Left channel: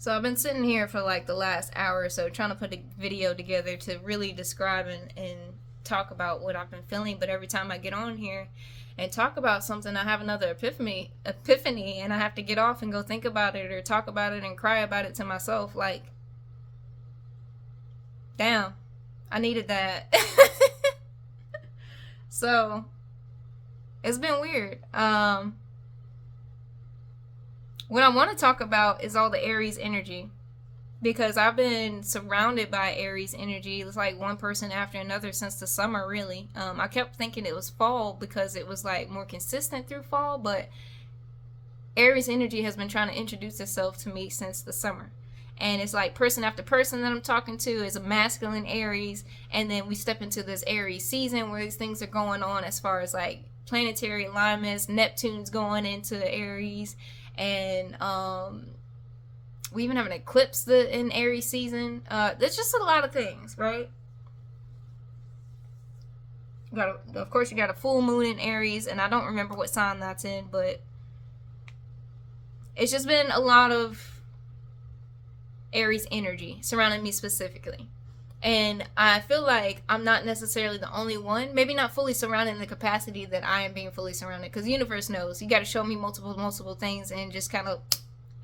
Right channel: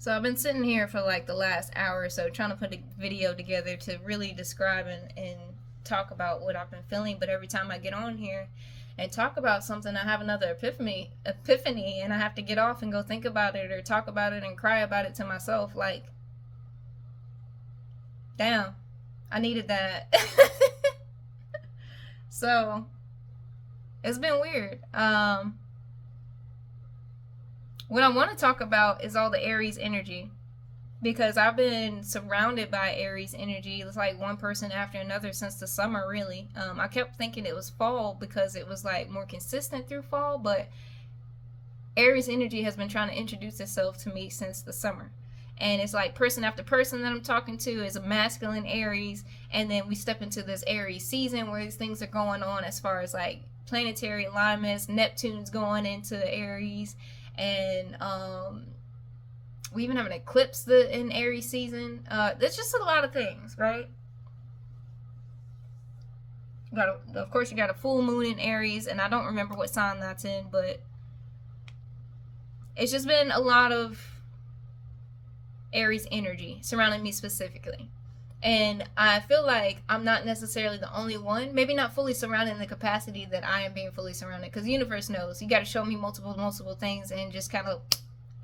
So I've been sitting here for like the last hour or so trying to put a video together to really describe and talk about what I've been feeling. But every time I get on here and talk about something, I have another epiphany, and I have to get off and go think about it or talk about it and cry about it to myself. Like, damn, I needed that. So it's been weird. What I want to talk about is all the Aries energy, because I've been surrounded by Aries energy. It's like one person after another since the summer, really. I kept thinking it was fall because it was like more consistent through fall, but Aries energy has been trying to introduce itself to me since the summer. And it's like person after person that I'm talking to is a masculine Aries, and then we step into this Aries season where these things are going on as far as like planetary alignments. Neptune's going into Aries, and we even have an eclipse in Aries season. There's just a lot of things, right? Of course, you got a full moon in Aries, and I don't remember what sign that's in, but it's just been a lot of Aries energy surrounding me specifically. And I feel like I'm not necessarily the only one, maybe not fully surrounded in the capacity that I am being fully surrounded, because the universe knows. You got to show me multiple things and just kind of,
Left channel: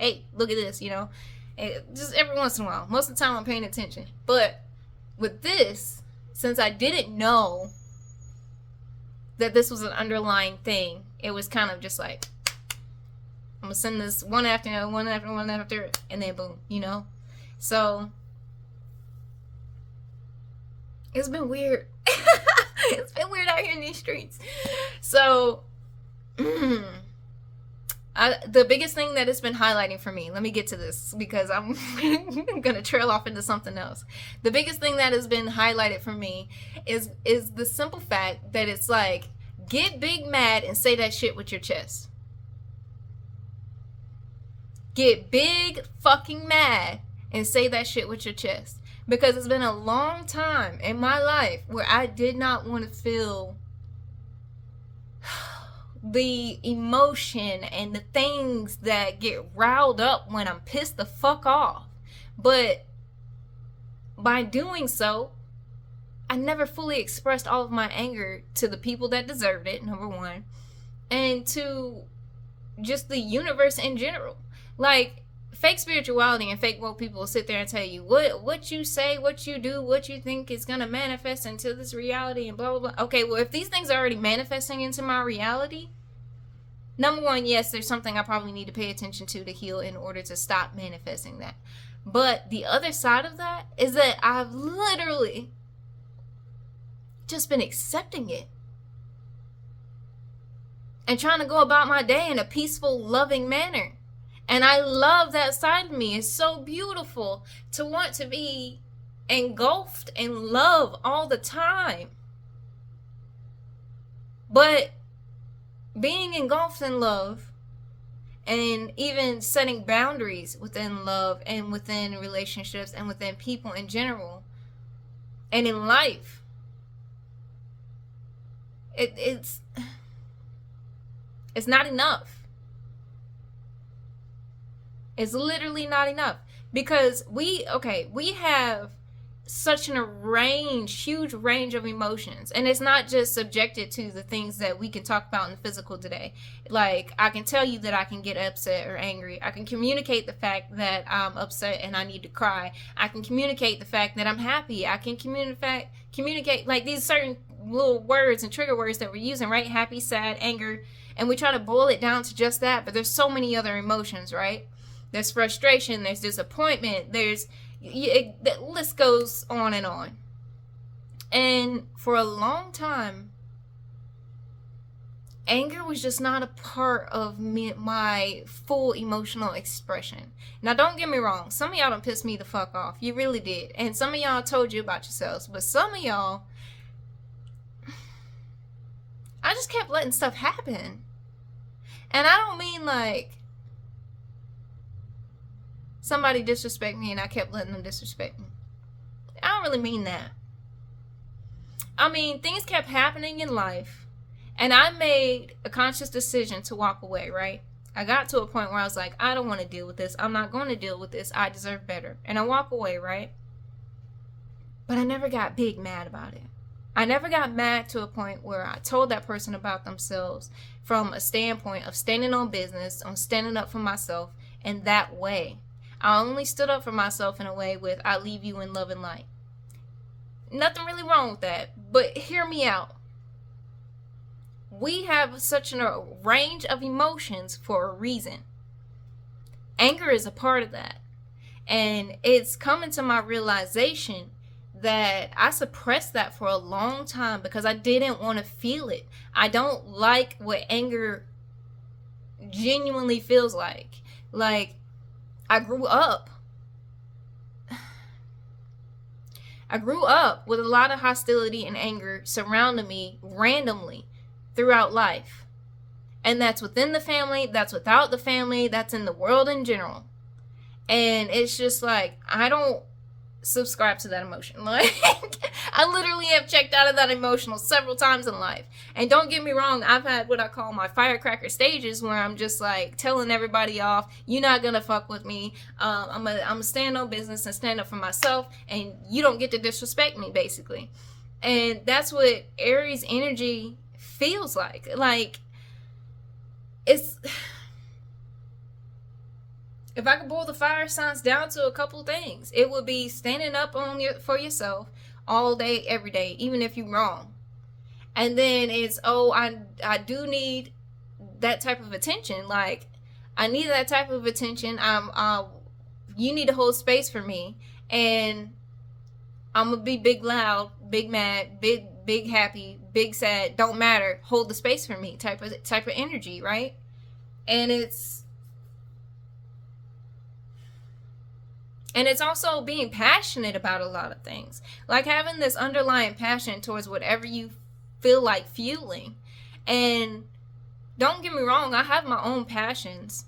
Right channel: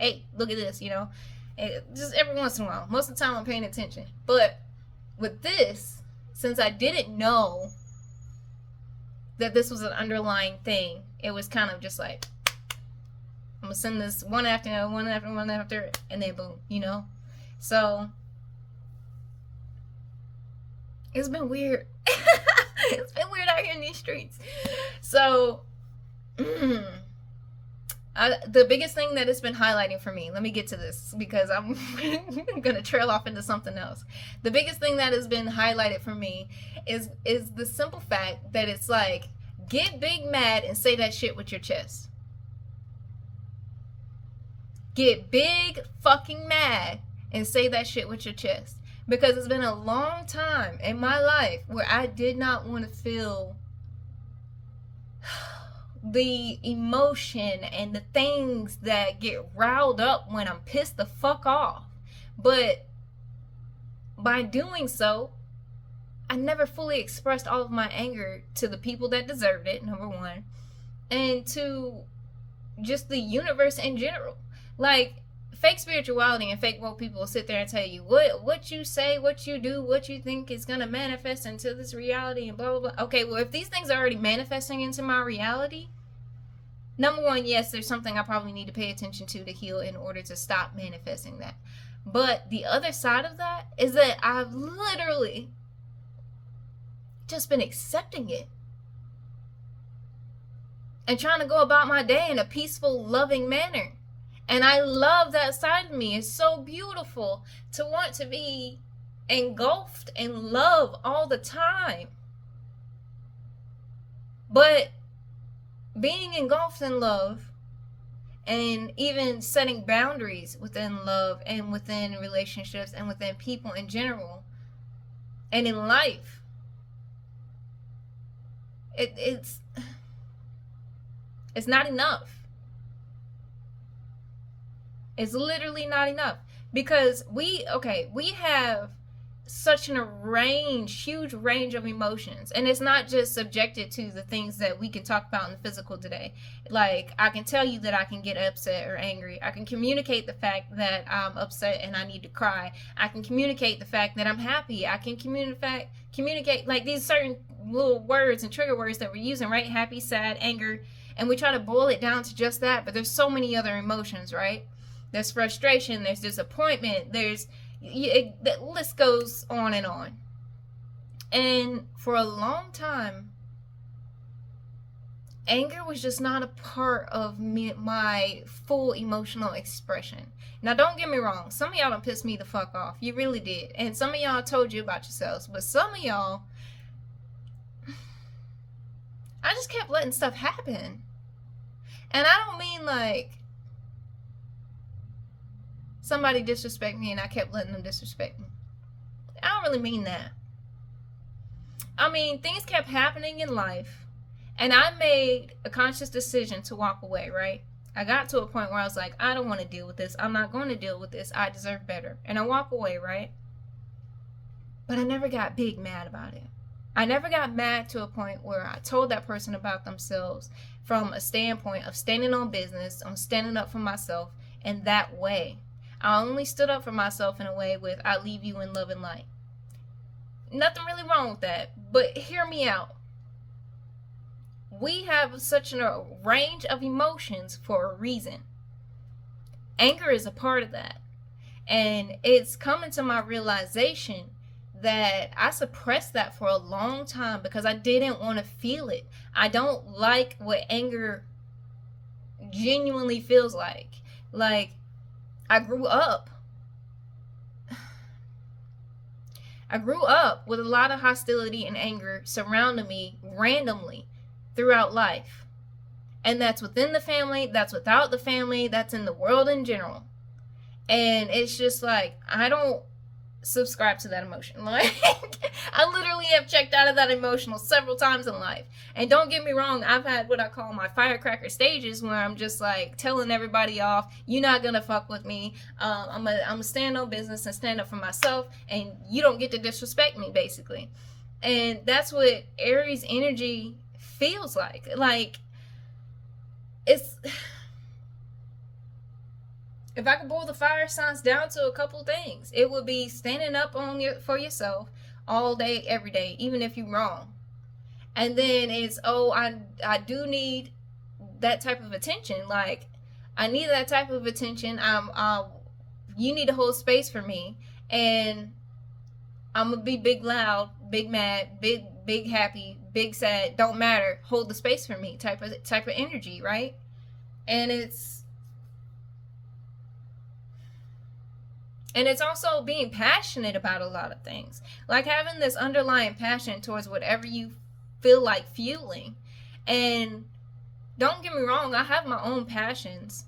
hey, look at this, just every once in a while. Most of the time I'm paying attention. But with this, since I didn't know that this was an underlying thing, it was kind of just like, I'm going to send this one after one after, and then boom, So it's been weird. It's been weird out here in these streets. So, the biggest thing that it's been highlighting for me, let me get to this because I'm going to trail off into something else. The biggest thing that has been highlighted for me is the simple fact that it's like, get big mad and say that shit with your chest. Get big fucking mad and say that shit with your chest. Because it's been a long time in my life where I did not want to feel the emotion and the things that get riled up when I'm pissed the fuck off. But by doing so, I never fully expressed all of my anger to the people that deserved it, number one, and to just the universe in general. Like, fake spirituality and fake woke people will sit there and tell you what you say, what you do, what you think is going to manifest into this reality and blah, blah, blah. Okay, well, if these things are already manifesting into my reality, number one, yes, there's something I probably need to pay attention to heal in order to stop manifesting that. But the other side of that is that I've literally just been accepting it and trying to go about my day in a peaceful, loving manner. And I love that side of me. It's so beautiful to want to be engulfed in love all the time. But being engulfed in love and even setting boundaries within love and within relationships and within people in general and in life, it's not enough. It's literally not enough, because we have such huge range of emotions, and it's not just subjected to the things that we can talk about in the physical today. Like, I can tell you that I can get upset or angry. I can communicate the fact that I'm upset and I need to cry. I can communicate the fact that I'm happy. I can communicate like these certain little words and trigger words that we're using, right? Happy, sad, anger, and we try to boil it down to just that, but there's so many other emotions, right? There's frustration, there's disappointment, the list goes on and on. And for a long time, anger was just not a part of my full emotional expression. Now, don't get me wrong, some of y'all done pissed me the fuck off. You really did. And some of y'all told you about yourselves, but some of y'all, I just kept letting stuff happen. And I don't mean like somebody disrespect me and I kept letting them disrespect me. I don't really mean that. I mean, things kept happening in life, and I made a conscious decision to walk away, right? I got to a point where I was like, I don't want to deal with this. I'm not going to deal with this. I deserve better. And I walk away, right? But I never got big mad about it. I never got mad to a point where I told that person about themselves from a standpoint of standing on business, on standing up for myself in that way. I only stood up for myself in a way with, I leave you in love and light. Nothing really wrong with that, but hear me out. We have such a range of emotions for a reason. Anger is a part of that. And it's coming to my realization that I suppressed that for a long time because I didn't want to feel it. I don't like what anger genuinely feels like. Like, I grew up with a lot of hostility and anger surrounding me randomly throughout life. And that's within the family, that's without the family, that's in the world in general. And it's just like, I don't subscribe to that emotion. Like, I literally have checked out of that emotional several times in life. And don't get me wrong, I've had what I call my firecracker stages where I'm just like telling everybody off, you're not gonna fuck with me. I'm gonna stand on business and stand up for myself, and you don't get to disrespect me, basically. And that's what Aries energy feels like. Like, it's, if I could boil the fire signs down to a couple things, it would be standing up for yourself all day, every day, even if you're wrong. And then it's, oh, I do need that type of attention. Like, I need that type of attention. You need to hold space for me, and I'm gonna be big loud, big mad, big happy, big sad. Don't matter. Hold the space for me. Type of energy, right? And it's also being passionate about a lot of things. Like having this underlying passion towards whatever you feel like fueling. And don't get me wrong, I have my own passions.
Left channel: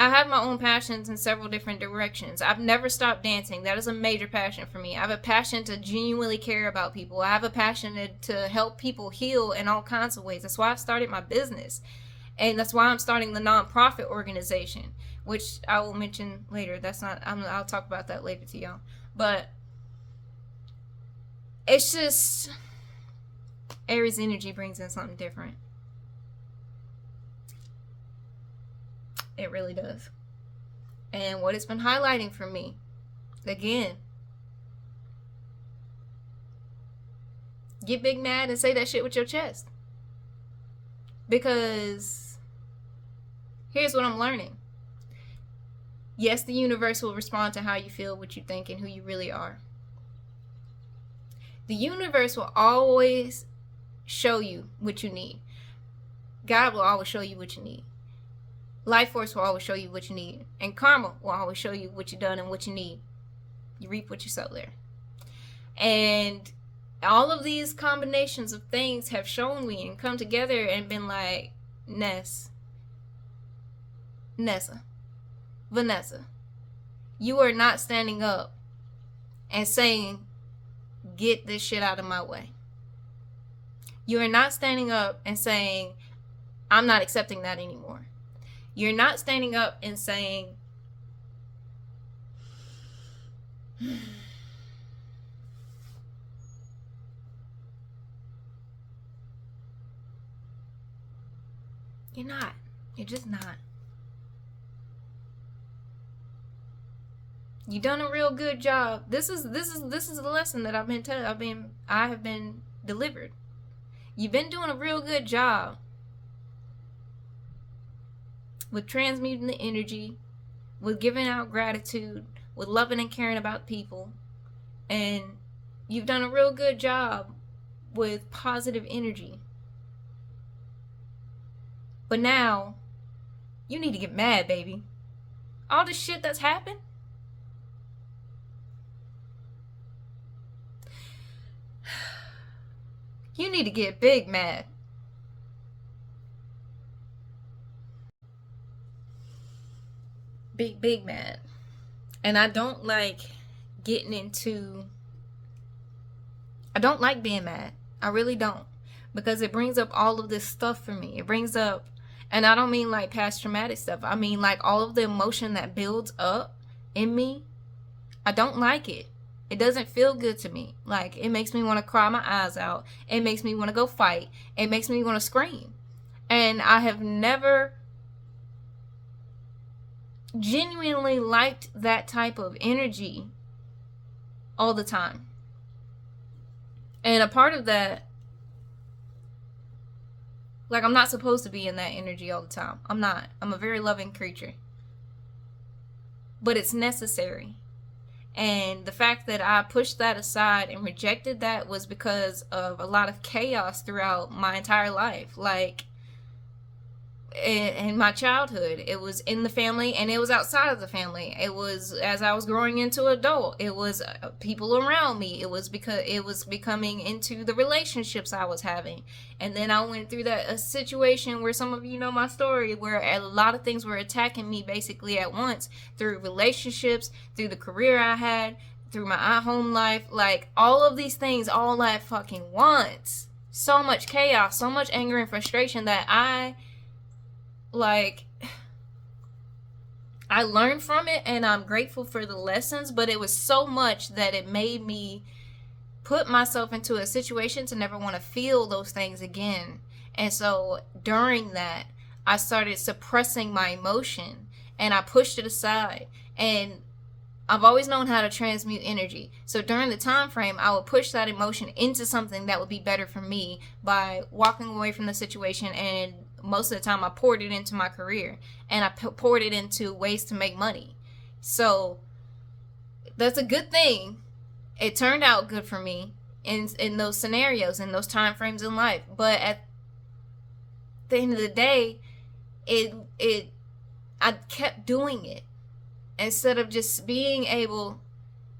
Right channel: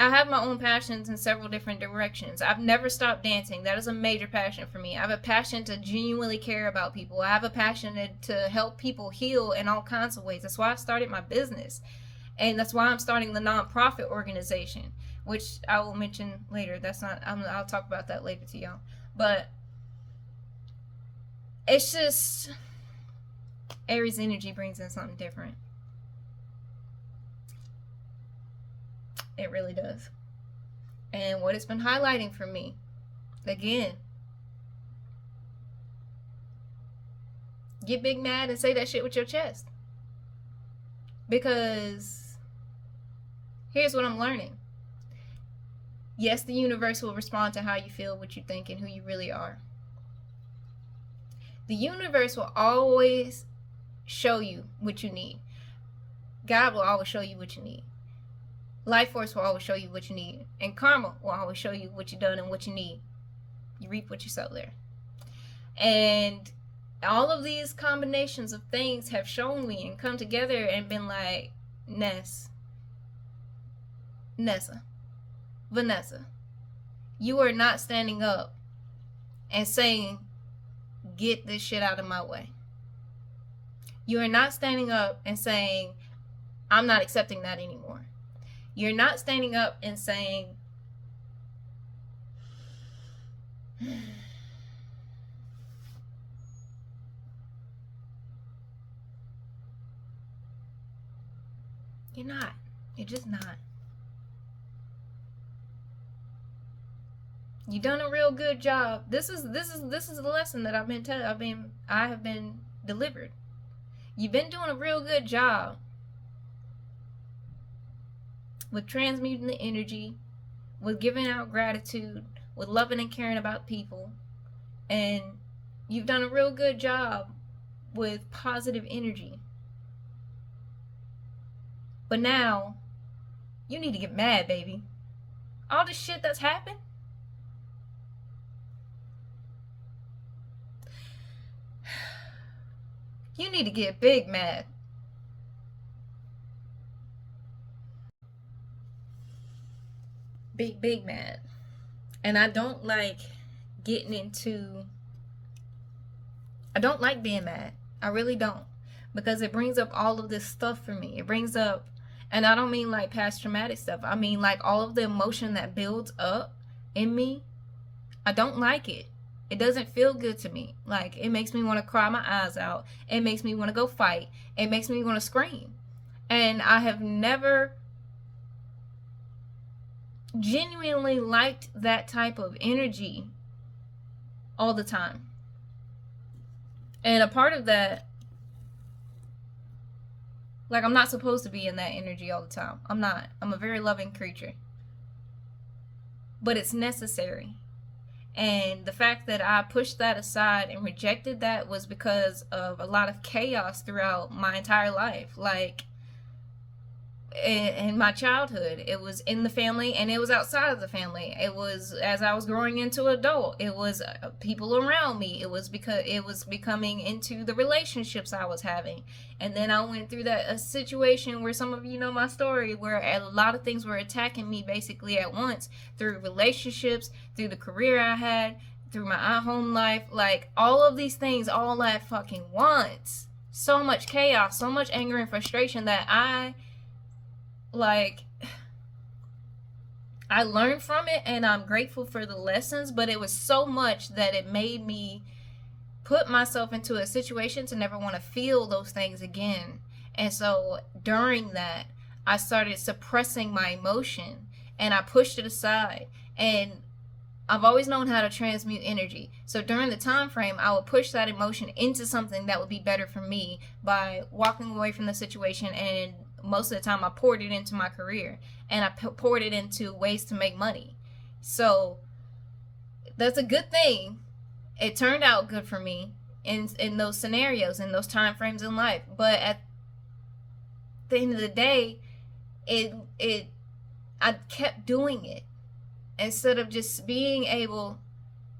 I have my own passions in several different directions. I've never stopped dancing. That is a major passion for me. I have a passion to genuinely care about people. I have a passion to help people heal in all kinds of ways. That's why I started my business. And that's why I'm starting the nonprofit organization, which I will mention later. I'll talk about that later to y'all. But it's just, Aries energy brings in something different. It really does. And what it's been highlighting for me, again, get big mad and say that shit with your chest. Because here's what I'm learning. Yes, the universe will respond to how you feel, what you think, and who you really are. The universe will always show you what you need. God will always show you what you need. Life force will always show you what you need. And karma will always show you what you've done and what you need. You reap what you sow there. And all of these combinations of things have shown me and come together and been like, Vanessa, you are not standing up and saying, get this shit out of my way. You are not standing up and saying, I'm not accepting that anymore. You're not standing up and saying, you're not. You're just not. You've done a real good job. This is the lesson that I have been delivered. You've been doing a real good job with transmuting the energy, with giving out gratitude, with loving and caring about people. And you've done a real good job with positive energy. But now, you need to get mad, baby. All the shit that's happened, you need to get big mad. Big mad. And I don't like being mad. I really don't. Because it brings up all of this stuff for me. It brings up And I don't mean like past traumatic stuff. I mean like all of the emotion that builds up in me. I don't like it. It doesn't feel good to me. Like, it makes me want to cry my eyes out. It makes me want to go fight. It makes me want to scream. And I have never genuinely liked that type of energy all the time. And a part of that, like, I'm not supposed to be in that energy all the time. I'm not. I'm a very loving creature. But it's necessary. And the fact that I pushed that aside and rejected that was because of a lot of chaos throughout my entire life. Like, in my childhood, it was in the family and it was outside of the family. It was as I was growing into adult. It was people around me. It was because it was becoming into the relationships I was having. And then I went through a situation where some of you know my story, where a lot of things were attacking me basically at once, through relationships, through the career I had, through my home life, like all of these things all at fucking once. So much chaos, so much anger and frustration that I learned from it, and I'm grateful for the lessons, but it was so much that it made me put myself into a situation to never want to feel those things again. And so during that, I started suppressing my emotion and I pushed it aside. And I've always known how to transmute energy. So during the time frame, I would push that emotion into something that would be better for me by walking away from the situation. And most of the time, I poured it into my career, and I poured it into ways to make money. So that's a good thing. It turned out good for me in those scenarios, in those time frames in life. But at the end of the day, I kept doing it instead of just being able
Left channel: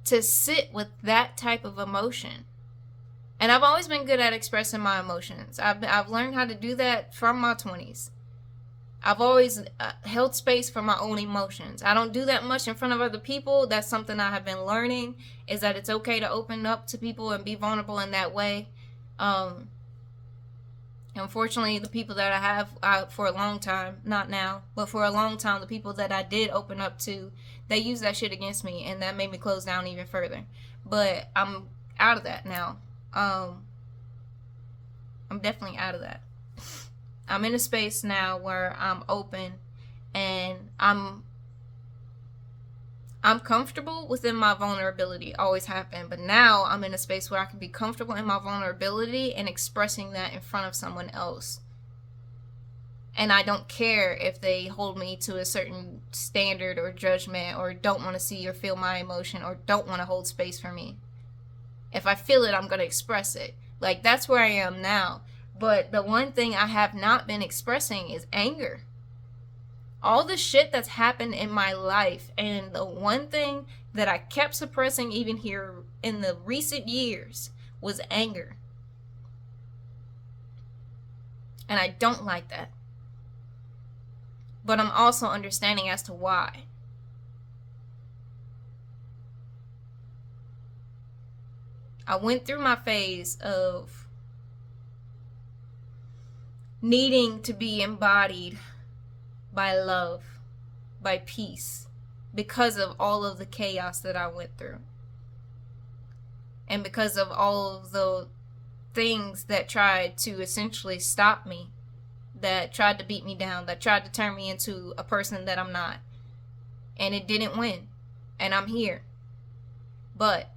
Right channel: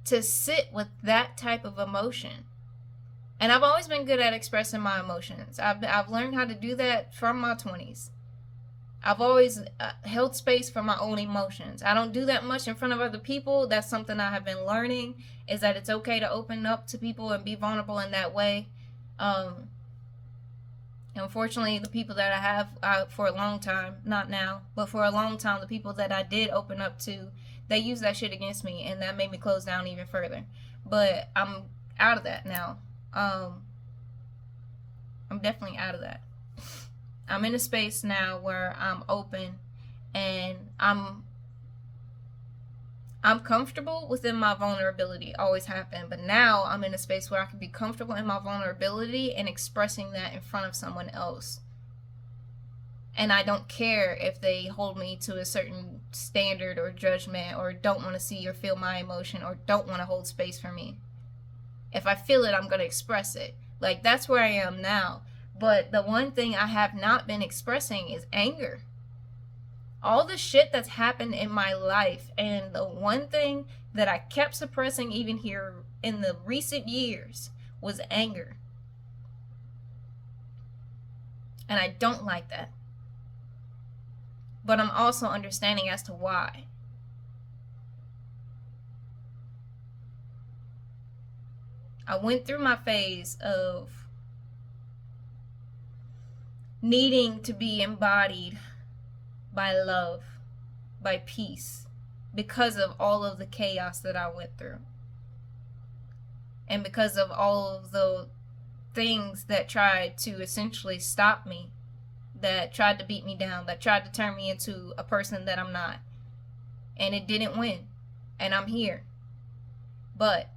to sit with that type of emotion. And I've always been good at expressing my emotions. I've learned how to do that from my 20s. I've always held space for my own emotions. I don't do that much in front of other people. That's something I have been learning, is that it's okay to open up to people and be vulnerable in that way. Unfortunately, the people that I have for a long time, not now, but for a long time, the people that I did open up to, they used that shit against me, and that made me close down even further. But I'm out of that now. I'm definitely out of that. I'm in a space now where I'm open and I'm comfortable within my vulnerability. Always have been, but now I'm in a space where I can be comfortable in my vulnerability and expressing that in front of someone else. And I don't care if they hold me to a certain standard or judgment, or don't want to see or feel my emotion, or don't want to hold space for me. If I feel it, I'm going to express it. Like, that's where I am now. But the one thing I have not been expressing is anger. All the shit that's happened in my life, and the one thing that I kept suppressing even here in the recent years was anger. And I don't like that. But I'm also understanding as to why. I went through my phase of needing to be embodied by love, by peace, because of all of the chaos that I went through. And because of all of the things that tried to essentially stop me, that tried to beat me down, that tried to turn me into a person that I'm not. And it didn't win. And I'm here. But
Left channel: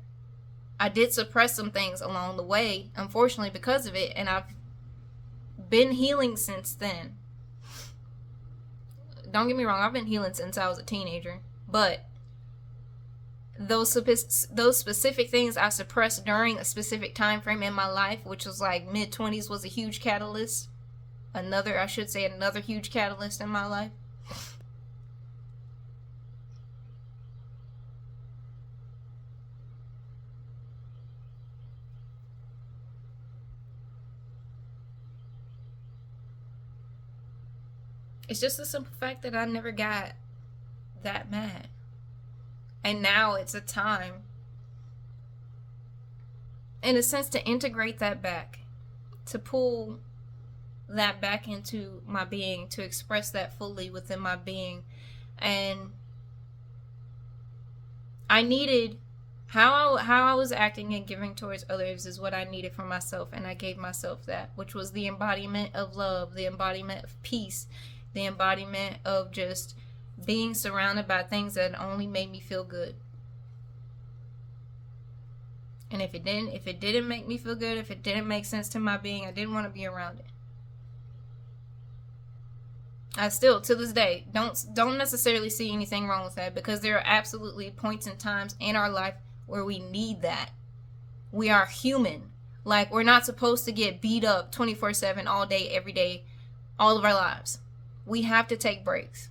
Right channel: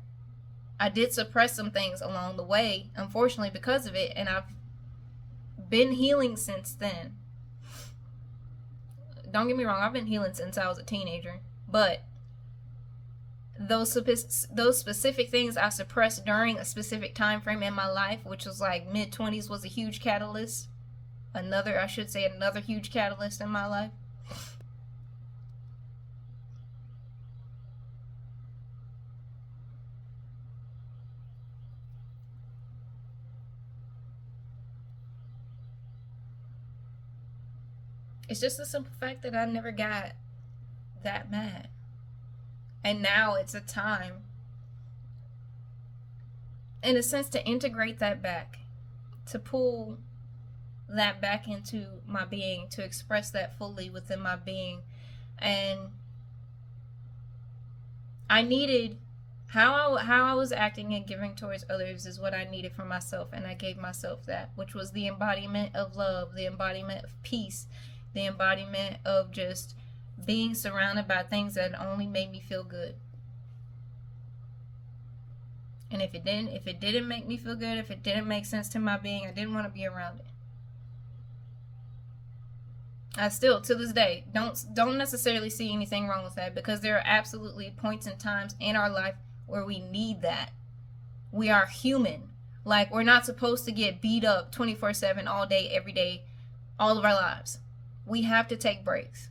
I did suppress some things along the way, unfortunately, because of it, and I've been healing since then. Don't get me wrong, I've been healing since I was a teenager, but those specific things I suppressed during a specific time frame in my life, which was like mid-20s, was a huge catalyst. Another huge catalyst in my life. It's just the simple fact that I never got that mad. And now it's a time, in a sense, to integrate that back. To pull that back into my being, to express that fully within my being. And I needed how I was acting and giving towards others is what I needed for myself, and I gave myself that, which was the embodiment of love, the embodiment of peace, the embodiment of just being surrounded by things that only made me feel good. And if it didn't make me feel good, if it didn't make sense to my being, I didn't want to be around it. I still, to this day, don't necessarily see anything wrong with that, because there are absolutely points and times in our life where we need that. We are human. Like, we're not supposed to get beat up 24/7 all day, every day, all of our lives. We have to take breaks.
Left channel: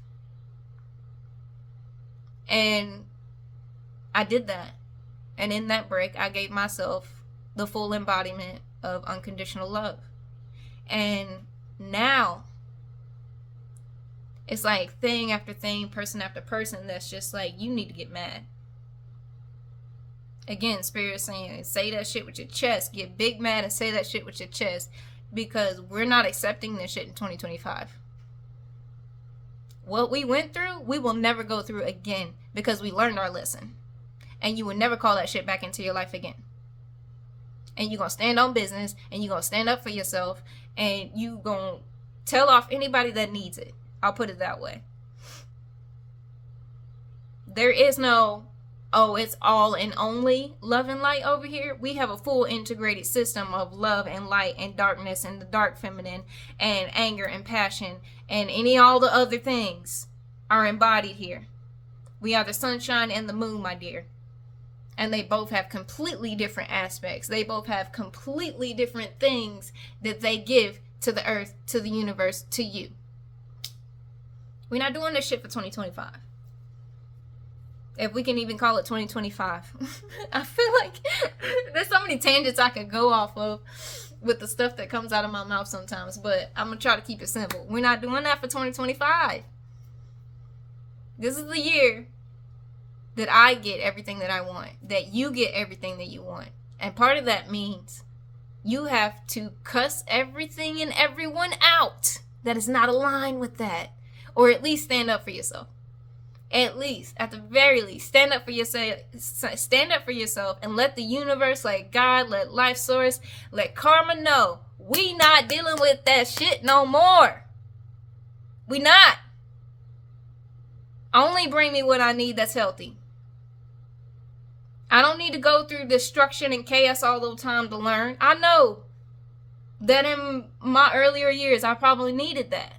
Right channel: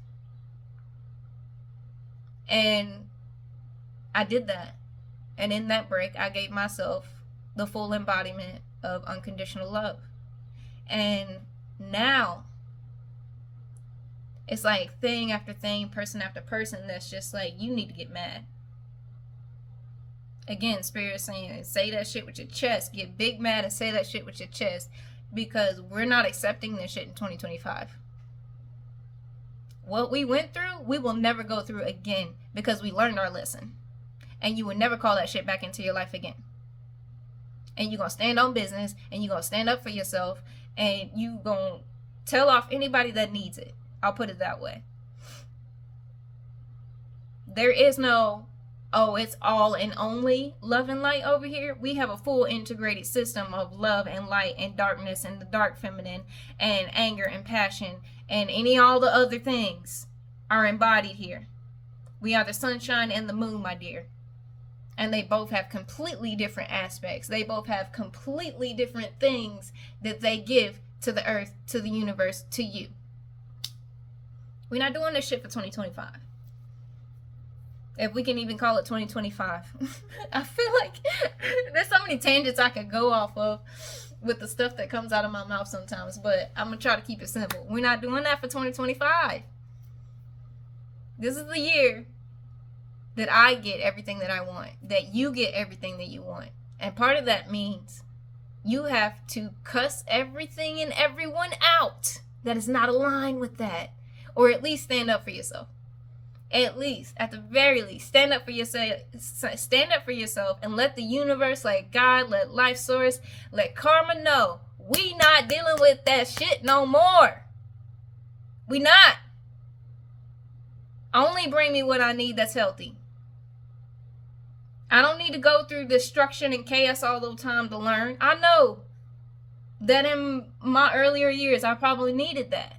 And I did that. And in that break, I gave myself the full embodiment of unconditional love. And now, it's like thing after thing, person after person, that's just like, you need to get mad. Again, Spirit is saying, say that shit with your chest. Get big mad and say that shit with your chest. Because we're not accepting this shit in 2025. What we went through, we will never go through again, because we learned our lesson. And you will never call that shit back into your life again. And you're going to stand on business, and you're going to stand up for yourself, and you're going to tell off anybody that needs it. I'll put it that way. There is no, oh, it's all and only love and light over here. We have a full integrated system of love and light and darkness and the dark feminine and anger and passion and all the other things are embodied here. We are the sunshine and the moon, my dear. And they both have completely different aspects. They both have completely different things that they give to the earth, to the universe, to you. We're not doing this shit for 2025. If we can even call it 2025. I feel like there's so many tangents I could go off of with the stuff that comes out of my mouth sometimes. But I'm going to try to keep it simple. We're not doing that for 2025. This is the year that I get everything that I want. That you get everything that you want. And part of that means you have to cuss everything and everyone out that is not aligned with that. Or at least stand up for yourself. At least, at the very least, stand up for yourself. Stand up for yourself and let the universe, let God, let life source, let karma know we not dealing with that shit no more. We not. Only bring me what I need that's healthy. I don't need to go through destruction and chaos all the time to learn. I know that in my earlier years, I probably needed that.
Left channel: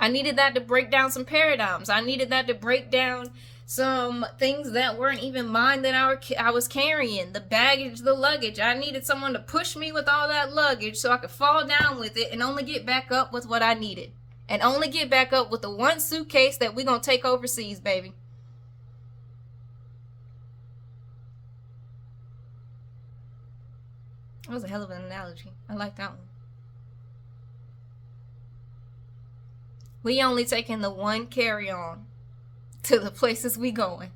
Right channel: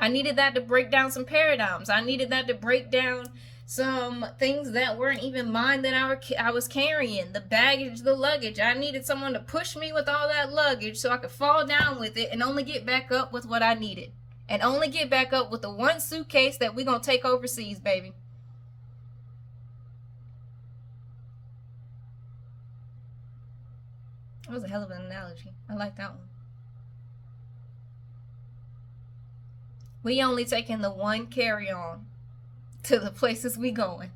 I needed that to break down some paradigms. I needed that to break down some things that weren't even mine that I was carrying. The baggage, the luggage. I needed someone to push me with all that luggage so I could fall down with it and only get back up with what I needed. And only get back up with the one suitcase that we're going to take overseas, baby. That was a hell of an analogy. I like that one. We only taking the one carry-on to the places we going.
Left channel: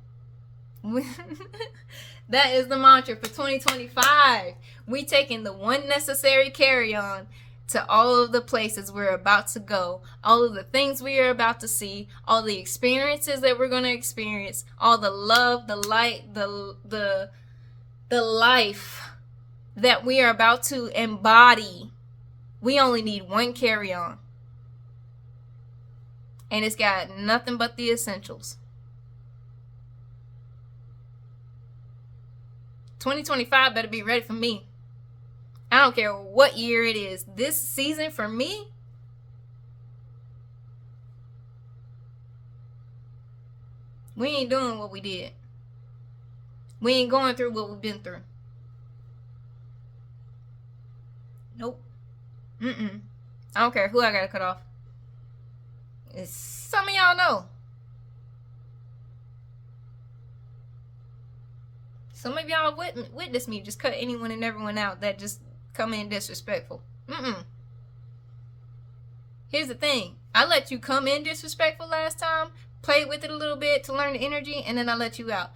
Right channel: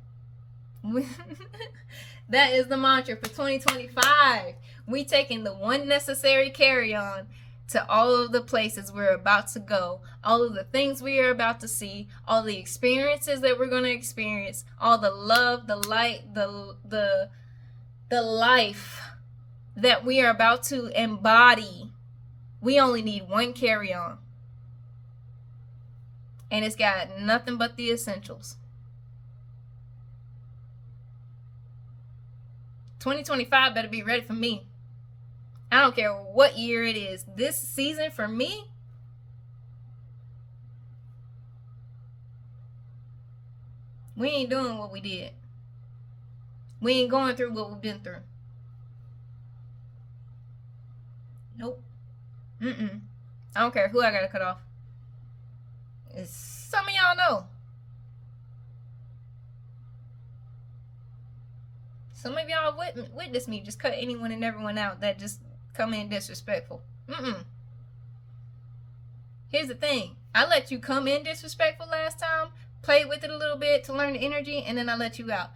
That is the mantra for 2025. We taking the one necessary carry-on to all of the places we're about to go, all of the things we are about to see, all the experiences that we're going to experience, all the love, the light, the life that we are about to embody. We only need one carry-on. And it's got nothing but the essentials. 2025 better be ready for me. I don't care what year it is. This season for me, we ain't doing what we did. We ain't going through what we've been through. Nope. I don't care who I gotta cut off. Some of y'all know. Some of y'all witness me just cut anyone and everyone out that just come in disrespectful. Here's the thing. I let you come in disrespectful last time, play with it a little bit to learn the energy, and then I let you out.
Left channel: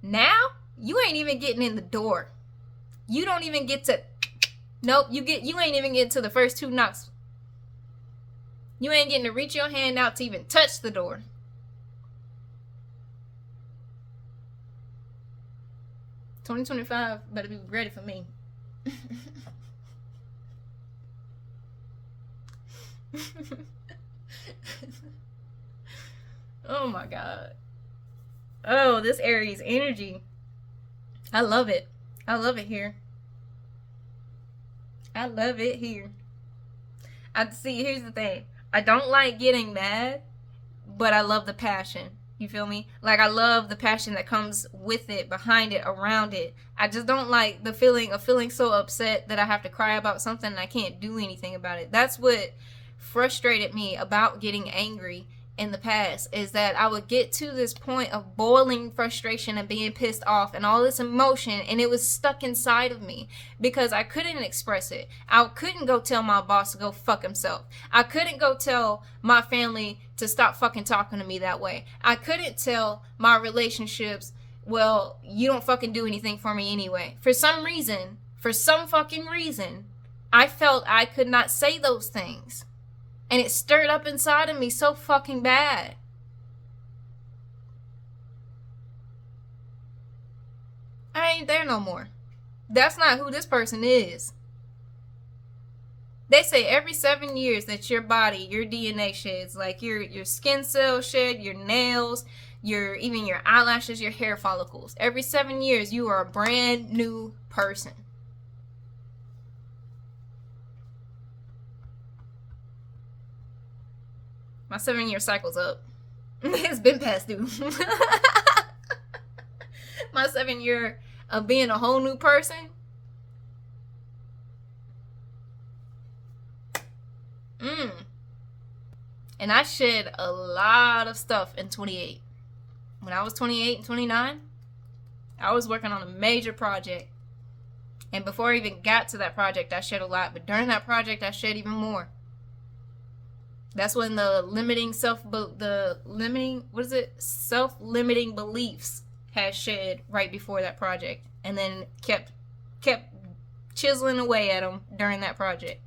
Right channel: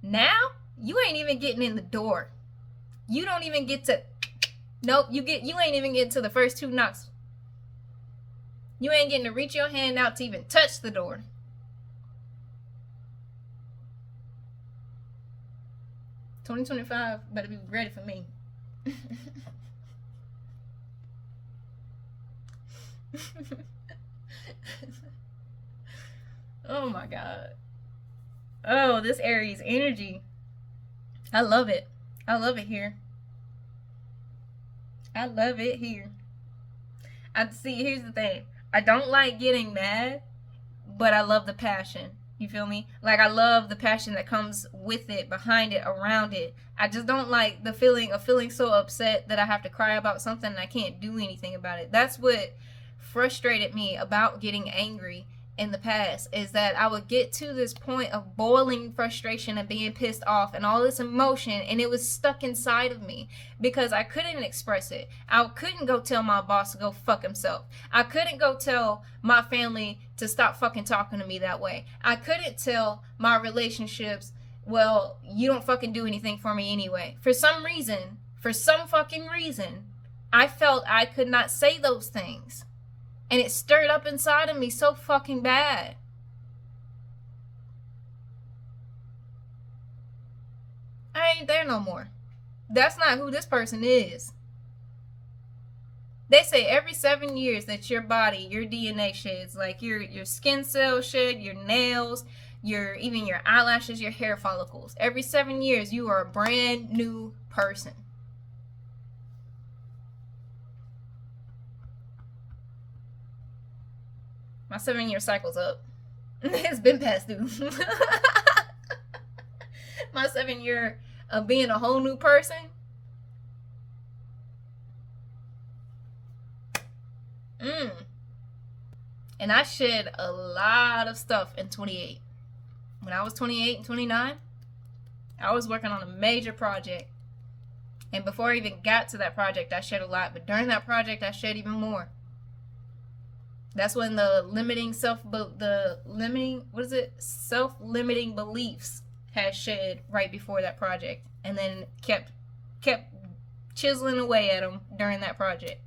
Now, you ain't even getting in the door. You don't even get to. Nope, you ain't even getting to the first 2 knocks. You ain't getting to reach your hand out to even touch the door. $2025 better be ready for me. Oh my god. Oh, this Aries energy. I love it. I love it here. I love it here. I see. Here's the thing. I don't like getting mad, but I love the passion. You feel me? Like, I love the passion that comes with it, behind it, around it. I just don't like the feeling of feeling so upset that I have to cry about something and I can't do anything about it. That's what frustrated me about getting angry in the past, is that I would get to this point of boiling frustration and being pissed off and all this emotion, and it was stuck inside of me because I couldn't express it. I couldn't go tell my boss to go fuck himself. I couldn't go tell my family to stop fucking talking to me that way. I couldn't tell my relationships, well, you don't fucking do anything for me anyway. For some fucking reason, I felt I could not say those things. And it stirred up inside of me so fucking bad. I ain't there no more. That's not who this person is. They say every 7 years that your body, your DNA sheds, like your skin cells shed, your nails, even your eyelashes, your hair follicles. Every 7 years, you are a brand new person. My 7-year cycle's up. It's been past due. My 7 year of being a whole new person. And I shed a lot of stuff in 28. When I was 28 and 29, I was working on a major project. And before I even got to that project, I shed a lot. But during that project, I shed even more. That's when the self-limiting beliefs had shed right before that project, and then kept chiseling away at them during that project.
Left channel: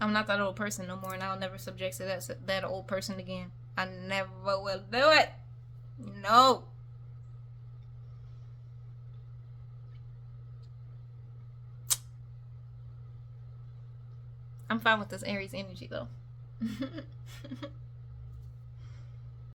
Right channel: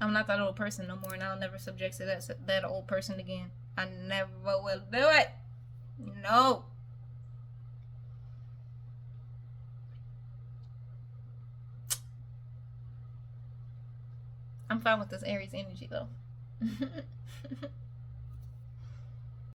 I'm not that old person no more, and I'll never subject to that old person again. I never will do it. No. I'm fine with this Aries energy though.